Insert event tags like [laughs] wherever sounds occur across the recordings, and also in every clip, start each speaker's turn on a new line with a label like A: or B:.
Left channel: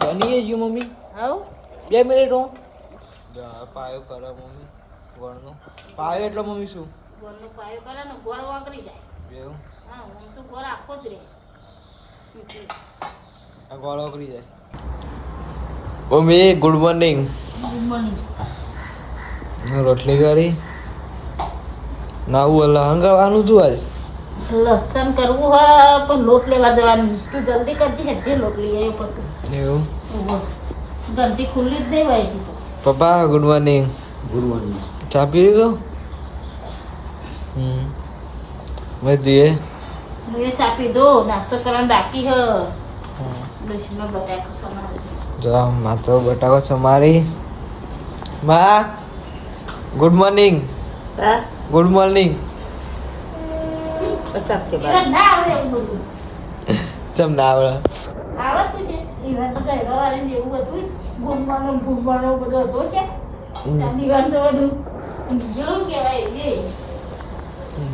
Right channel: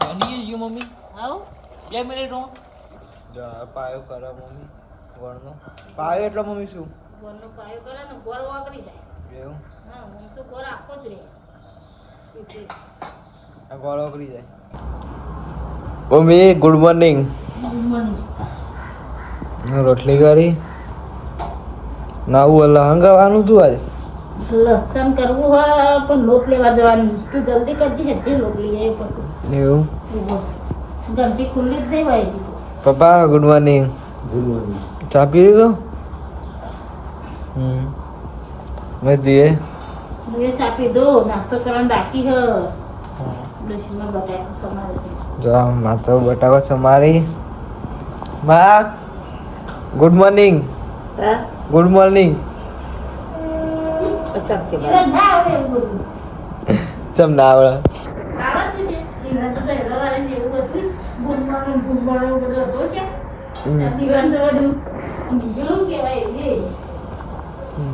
A: બની ગયું મમ્મી. બે મિનિટ હું. પાયો કરે મમ્મી ગોળનો પાયો એટલે મમ્મી શું? એવું? આ ગોળ ઓગળી જાય. મમ્મી ગુડ મોર્નિંગ રોટલી કરી. નાવું એટલે હંગાવાનું છું આજ?
B: લસણ કરવું હોય પણ લોટ લેવા જવાનું. તું જલ્દી કરજે હેઠી લોટ લઈ આવ્યો પછી
A: એવું?
B: જલ્દી ખુલ્લી જ નહીં ભાઈ
A: પપ્પા ગુડ મોર્નિંગ
C: ગુડ મોર્નિંગ
A: ચા પી લીધો? હમ. મેં જઈએ.
B: મેં ચાપી દો. નાસ્તો કરવાનું બાકી હ.
A: માત્ર બટાકો સમારી. માં ગુડ મોર્નિંગ ગુડ મોર્નિંગ
B: એટલે ના આવડે એવું બધું
A: ચમ ના આવડે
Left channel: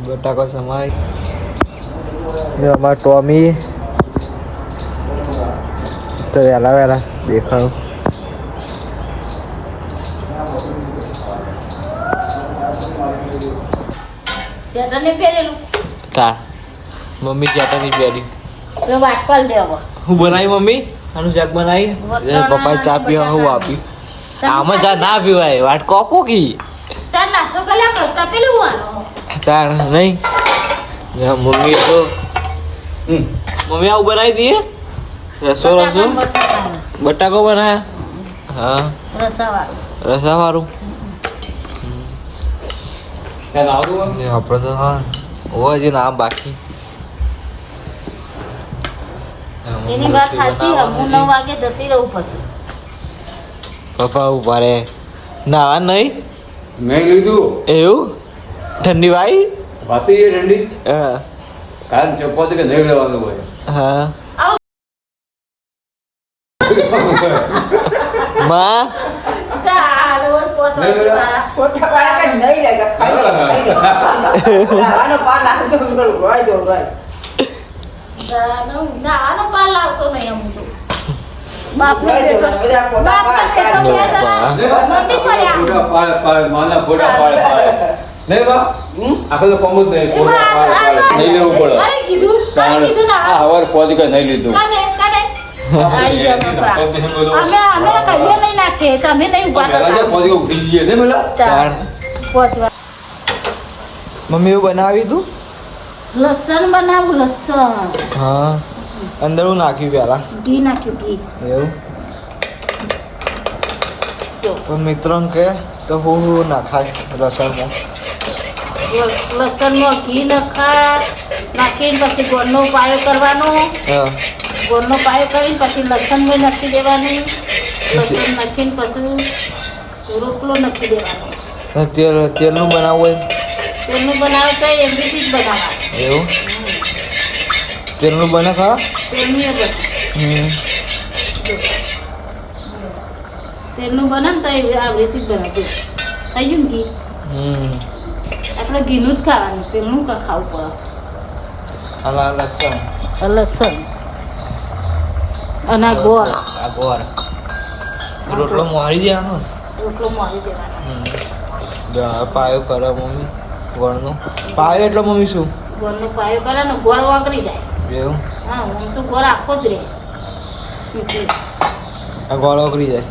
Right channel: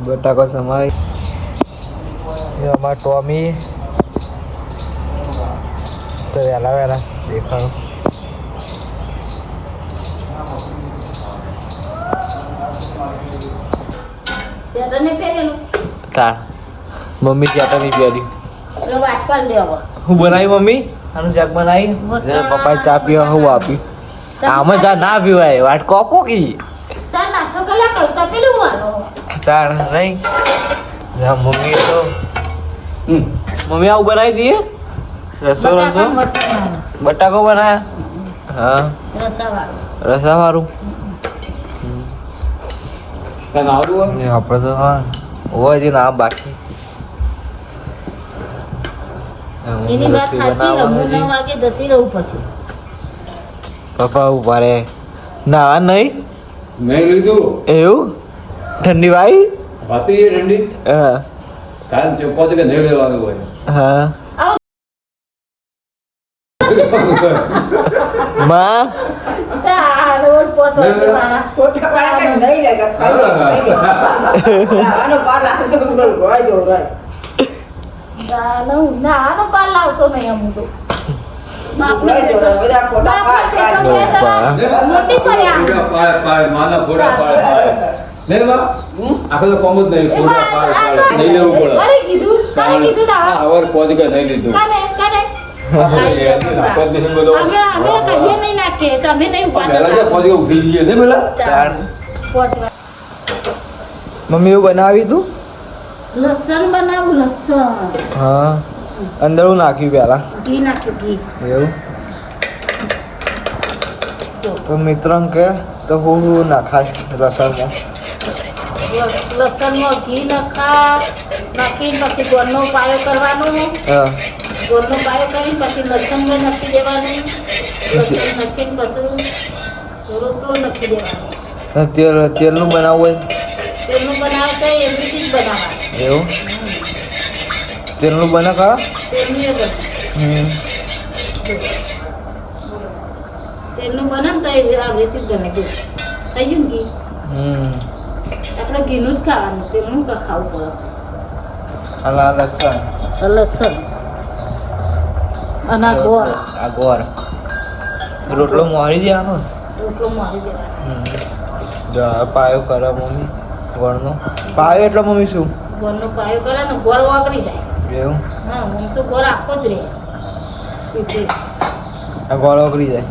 A: બટાકો સમારી જો ટોમી. તો વહેલા વહેલા દેખાડું.
B: ત્યાં તને પહેરેલું?
A: તા. મમ્મી કહેતા નહીં પ્યારી
B: એટલે વાત કર દેવો
A: હું બનાવી મમ્મી? આનું જગ બનાવી. લે, પપ્પા ચા પીવા હું આપી. આમાં ચા ના પીવાય. વાટ કોપો કી?
B: ચાલ નાસ્તો કલા કરતા પેલું વાલો
A: ચાલ નહીં. યા મમ્મી તો મમ્મી આવું બનાવી દઈએ? રસો રસો બટાકો બના હા. રસા
C: દો
A: ને આપણે તો હા. હોય છે ના બાકી.
B: એની વાત સાચી જતી રહું પછી.
A: પપ્પા ઊભા રે નાવા નહીં.
C: મેં લીધું
A: એવું? ઠંડી વાઈ
C: ઠંડી.
A: હા.
C: કાલ ચપ્પા કે નહીં લેવાનું હોય.
A: હા. માં
B: આ રોજ પોતો મારા
D: ખોટા પાયા કઈ નહીં
C: લેવું પડે
B: કીધું
C: નહીં લીધું
B: અમે અમે કહીએ નહીં નાખીએ તમે નહીં ઊભા.
A: મમ્મી એવું બનાવી તું?
B: લસણ બનાવું લસણ.
A: હા. અંદર હું નાખ્યું પેલા
B: ઘી નાખ્યું ઘી.
A: એવું? તો મિત્રો કે તો હું હું નાખાય લસણમાં?
B: લસણમાં ઘી નાખા નાખીને પછી ગોળનો પાયો કરવાનો.
A: હા.
B: ગોળનો પાયો કરીને પછી લસણ પણ નાખી દેવાનું. લસણ નાખીને પછી રોટલો નાખી દેવાનો.
A: તેલ તેલનું બનાવવું
B: તેલનું બનાવે તો એવી જ બનાવવાનું.
A: એવું? તેલનું બને ખરા?
B: તેલનું બને
A: હમ.
B: તેલનું બને ને તો એ આવી રીતે જ બને થઈ ગયું ને ઘી? આપણે ઘીનું જ ખાવાનું તેલનું ખાવું
A: પડે. અલા લસણ.
B: લસણ. અને ગોળ.
A: આ ગોળ. રોટલો મોહરી દેવાનો
B: રોટલો મોહરી દેવાનો.
A: પાયો કરે મમ્મી ગોળનો. પાયો એટલે મમ્મી શું?
B: ગોળનો પાયો કરે ને ગોળ વાગરી જાય.
A: એવું?
B: હા હું તો ગોળ આખો જ રે
A: આ ગોળ વાગરી જાય.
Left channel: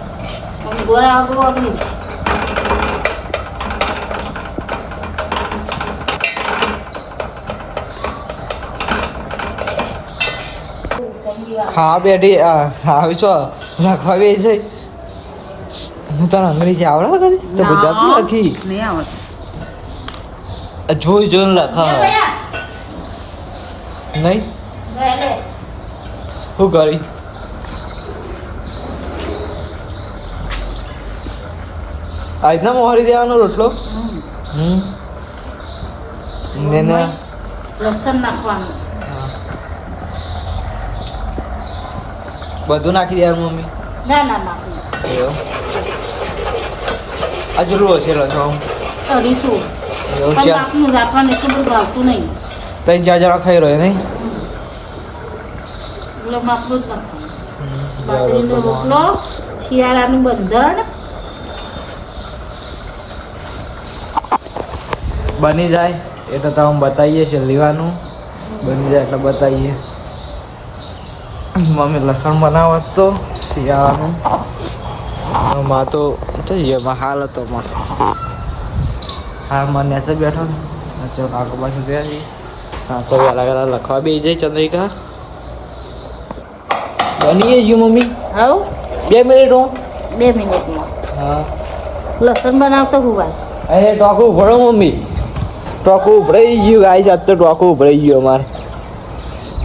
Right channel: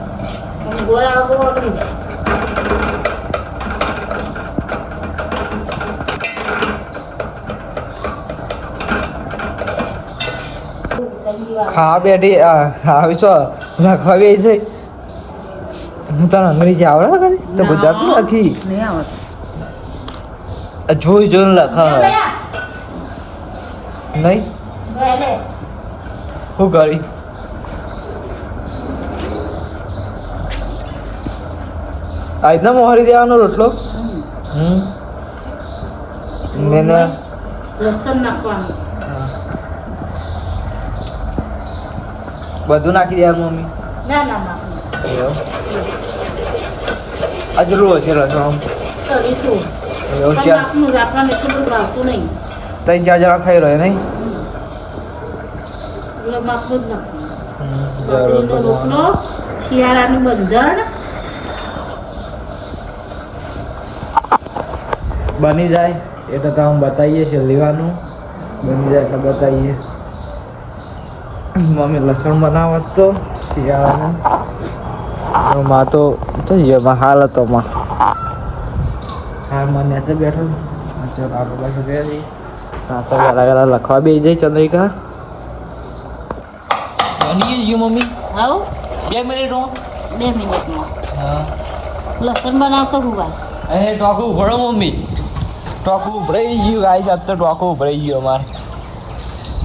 B: ગોળ આખો વાગરી જાય.
A: ખાવા બેઠી આવી છો? રાખવા બે છે? હું તને અંગ્રેજી આવડે કદી તો ગુજરાતી નથી જોઈ જોઈને લખા નહીં? હું કરી? આજના મોહરી દેવાનો રોટલો? હમ. ને ના.
B: લસણ નાખવાનું.
A: બધું નાખી દેવાનું મમ્મી?
B: ના ના નાખવાનું
A: એવું? આ હશે રસો આમ
B: કરીશું
A: એવું
B: પણ રાખવાનું એટલું બધું ભાવતું નહીં.
A: ત્રણ ચાર જણા ખાઈ રહ્યો નહીં?
B: એટલે માપનું જ નાખવાનું રોટલો શિયાળાનું બંધણ
A: બની જાય એટલે તમે બતાવીએ છીએ લેવાનું. બની જાય એટલે બતાવીએ. મમ્મી લસણ બનાવત તો શિયાળાનું માં તો ગયો હાલ હતો માં હાલ મને નેચે બેઠો ચાલ આગળ પાછું ગયા છીએ તો વહેલા વહેલા લખવા બે જાય ચંદ્રિકા. બની ગયું મમ્મી?
B: હા
A: બે મિનિટ હું.
B: બે મિનિટમાં.
A: હા.
B: લસણ બનાવતો હુવાય
A: અરે ટોકું ઉભરો મમ્મી. ટોકું ઉભરાઈ ગયું ગાઈ જાત તો ટોકું ઉભરાઈ ગયું અમારે.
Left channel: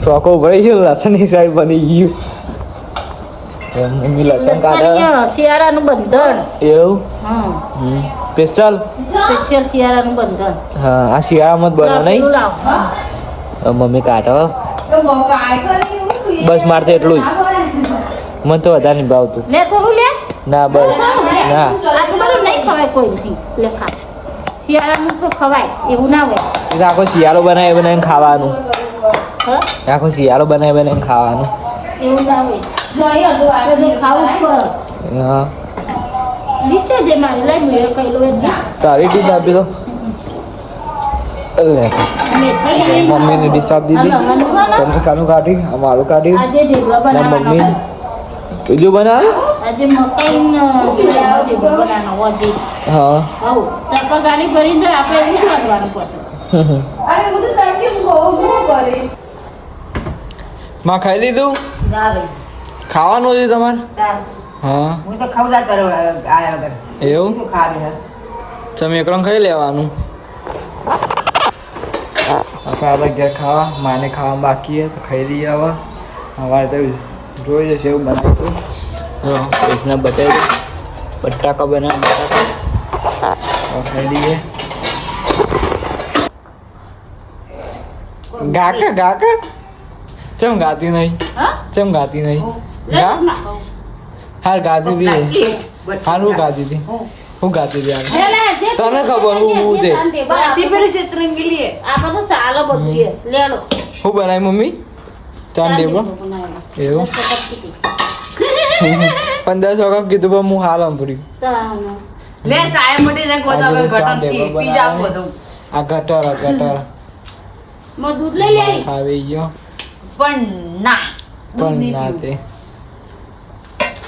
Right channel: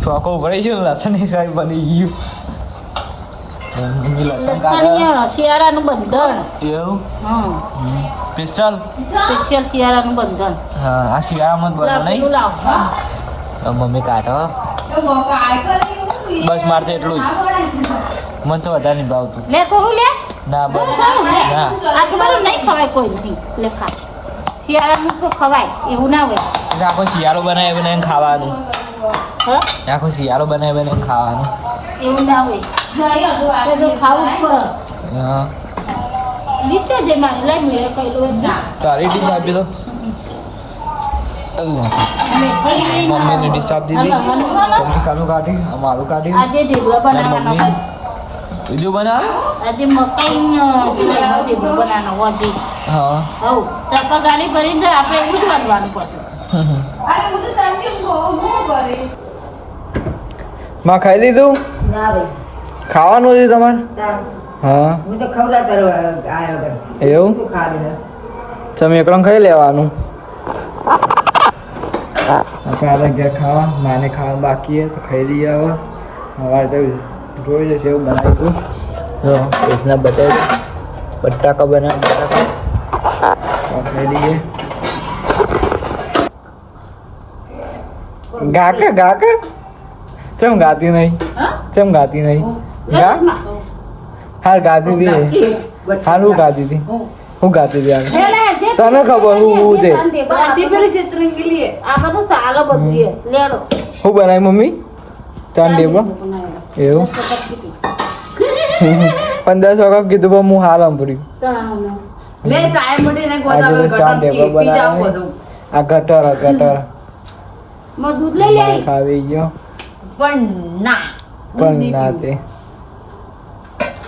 A: ટોકું ઉભરાઈ ગયું લસણની સાઈડ બની ગયું મમ્મી લસણ કાઢે
B: શિયાળાનું બંધણ
A: એવું? સ્પેશિયલ
B: સ્પેશિયલ શિયાળાનું બંધણ
A: હા આ શિયાળામાં જ બને નહીં? મમ્મી કાઢો. બસ મારે તો એટલું જ. મને તો વધારે નહીં ભાવતું.
B: લે થોડું લે.
A: ના બસ. ના
B: આ તો બધું નહીં ખવાય કોઈથી લે ખા શિયાળાનું તો ખવાય એવું ના હોય.
A: આખો શિયાળો બનાવી બનાવીને ખાવાનું. આખો શિયાળો બનાવી બનાવીને ખાવાનો.
B: એવું ના હોય. ખાવું પડે.
A: હા. તારી ડીશ આપી દો. મમ્મીની ડીશ આપી દીધી. ચમચી ખાનું કાઢી અમારું કાઢી.
B: આજે
A: મમ્મી. બીજું બનાવે?
B: આજે
A: હા.
B: ગાડી જાય આપણે એવું જ
A: માં ખાઈ લીધું?
D: ના ભાઈ.
A: ખાવાનું છે તમારે. હા.
D: હું તો ખવડા તારો આયા
A: એવું? તમે એકલો ખાઈ લેવાનું? આપણે આ ઘેર ખાવા. માને ખાવા બાકી છે તો ખાઈ લઈએ હવે. અમારે તો જોઈ જશે એવું બનાવતું જો કૃષ્ણ બતાવી બટાકા બનાવ બટાકા. ખાઈ લઈએ. ગાકા ગાકે? ચમ ગાતી નહીં?
B: હા?
A: ચમ ગાતી નહીં? ગા હાર ગાતી હતી હાર હું ગાતી હતી હું. ગાતી હતી હાલ તને ખબર હું હું તે હું બનાવી મમ્મી? ચાંદ ડેબો એવું? પંદર સો કપ [laughs] કીધું પણ હું હાલ અંભર્યું.
E: લે ચાય મટી ને ગટર પી બધું.
A: આ ગટર ગટર. [laughs]
B: મધુર દૂધ લઈ લે
A: ખાવી ગયો.
E: પણ ના દૂધ
A: પણ
E: નહીં
A: ના
E: પીવું.
A: તે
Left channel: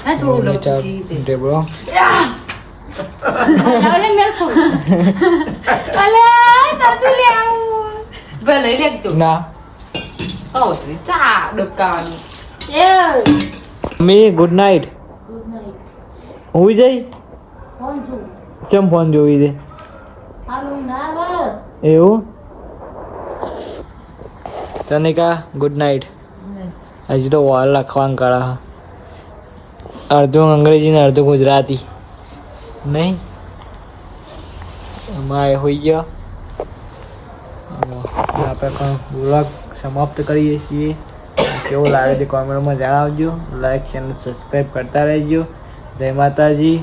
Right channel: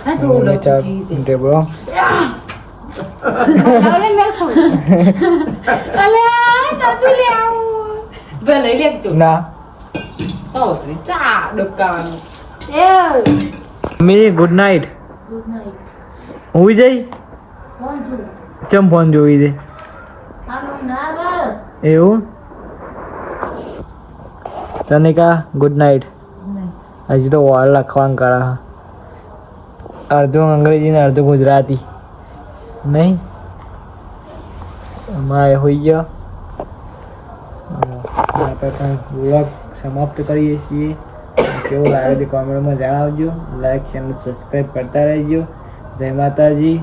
E: હે, થોડું
A: મમ્મી ચા
E: લચકી દે.
A: ટેબલો
B: લાવને મેલ છું.
E: અલ્યા, નથી લે આવું. બે લઈ લેજો
A: ના
E: આવો તો ચા ડબકાવાનું
B: એ
A: mummy good night
B: good night.
A: હું જઈ
B: કોણ છું
A: ચમ ફોન જોઈ દે
B: હાલો ના વાર.
A: એવું તને કા ગુડ નાઇટ હજી તો વોલ લખવાનું કરા અડધું અંગ્રેજી ને અડધું ગુજરાતી નહીં અમારે હોઈ ગયો જો, આપણે પણ વ્લોગ સમાપ્ત કરીએ છીએ કેવો લાગે તે કોમેન્ટમાં જણાવજો લાઈક ચેનલ સબસ્ક્રાઈબ કરતા રહેજો જય માતાજી